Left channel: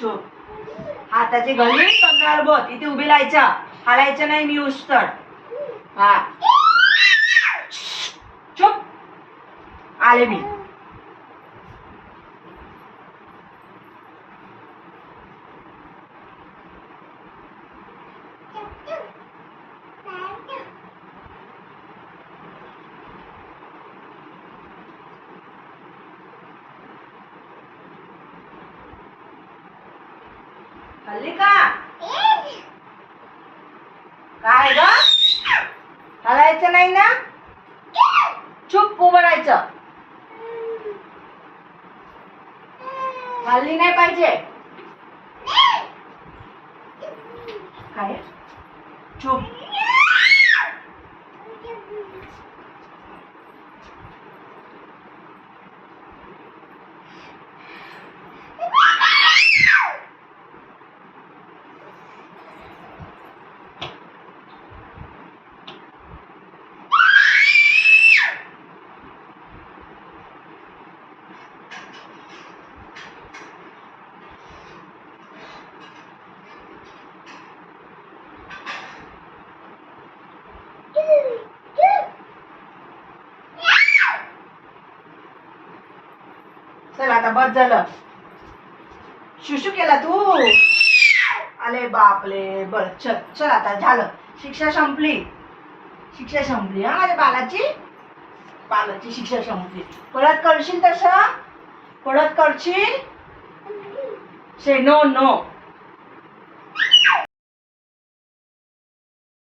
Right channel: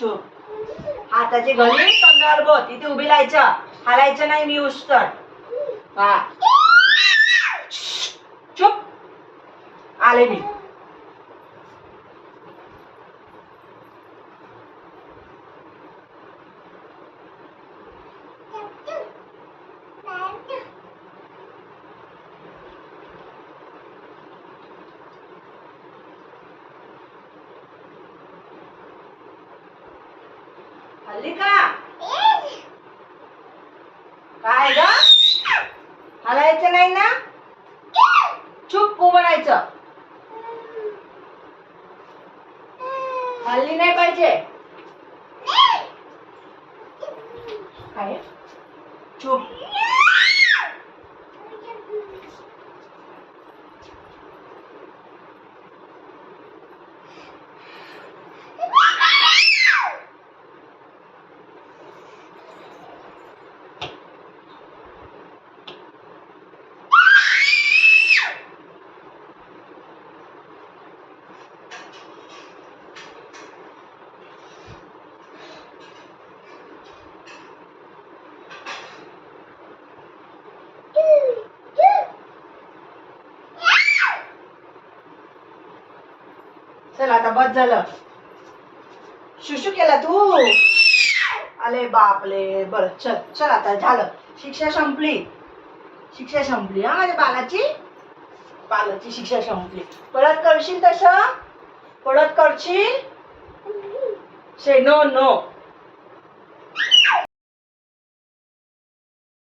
चुप. हाताची घडी कंगाल बोत इथे उभी राहायचं, हालायचं नाही. मी उस्तर. हा चुप. आले मी. हल्ली का काय ग? हलायचं नाही ना. चुप उभं राहायचं. हल्ली नाही पाहिजे. काय चुप. चल आता बस झालं. शुशू केला तू. अरे बापले. बर चल चल आता झालं. शिक्षा संपली. शिक्षा संपली. हा माझ्या बालाची शिक्षा संपली. परत करशील तसं? परत करशील? से नो नो.